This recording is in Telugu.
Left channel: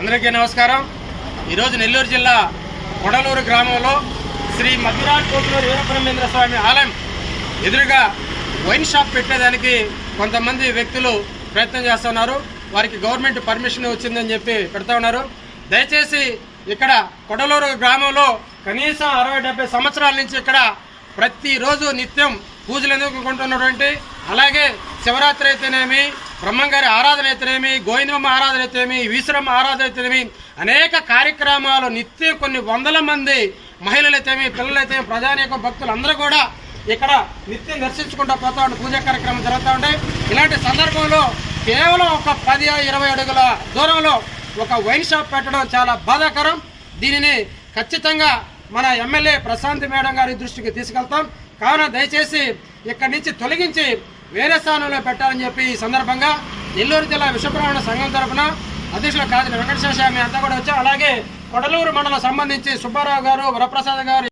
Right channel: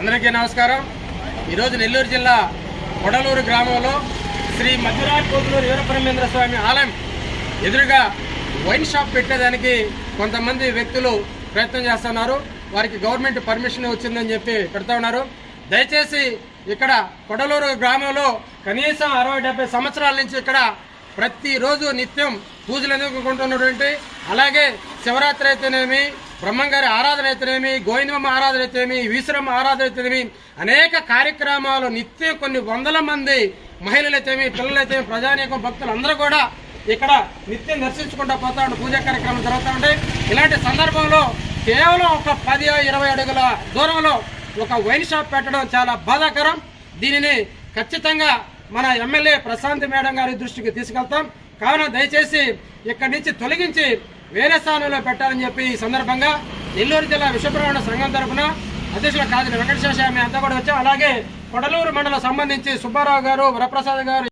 అందరికీ నమస్కారం. ఈరోజు నెల్లూరు జిల్లా కొడలూరు గ్రామంలో శ్రీ మధురాట్ కోతులూరు వీరబ్రహ్మేంద్ర స్వామి ఆలయం ఎదురుగా వైన్ షాప్ పెట్టేదానికి కొంతమంది వ్యక్తులు ప్రయత్నం చేస్తున్నారు. వారికి గవర్నమెంట్ పర్మిషన్ వచ్చిందని చెప్పి పెడతా ఉన్నారు. దయచేసి ఇక్కడ కొడలూరు గ్రామంలో కనీసం అరవై డెబ్బై సంవత్సరాల నుంచి ఇక్కడ ప్రతిరోజు నిత్యం పూజలు అందుకుంటున్నటువంటి అలాగే శివరాత్రి అయితేనేమి బ్రహ్మంగారి ఆరాధన అయితేనేమి గోవిందమ్మ ఆరాధన అయితేనేమి ఈశ్వరమ్మ ఆరాధన అయితేనేమి అనేక కార్యక్రమాలు నిత్యం కొన్ని వందల మంది మహిళలైతేమి పిల్లలైతే ప్రజానీక భక్తులు అందరూ కూడా ఇక్కడ నిత్యం దర్శించుకుంటూ పోతా ఉండే పూజా కార్యక్రమం జరుగుతూ ఉంటాయి ఇలాంటి సందర్భంలో కేవలం ఒక పది ఇరవై అడుగుల దూరంలో ఒక వైన్ షాప్ పెట్టడం చాలా బాధాకరం. దీనిని ఖచ్చితంగా మన ఎమ్మెల్యే ప్రశాంత్ మేడం గారి దృష్టికి తీసుకెళ్తాం. కావున దయచేసి ఇక్కడి నుంచి తొలగించి వేరే స్థానంలో పెట్టాలని చెప్పి ఈ సందర్భంగా నెల్లూరు జిల్లా విశ్వబ్రహ్మణ సంఘం తరఫున అధ్యక్షుల కాదని వెంకటేశ్వర స్వామి అంతా కూడా వచ్చాం అలాగే కొడలూరు మండలం సంబంధించి సుబ్బారావు గారు వరప్రసాద్ గారు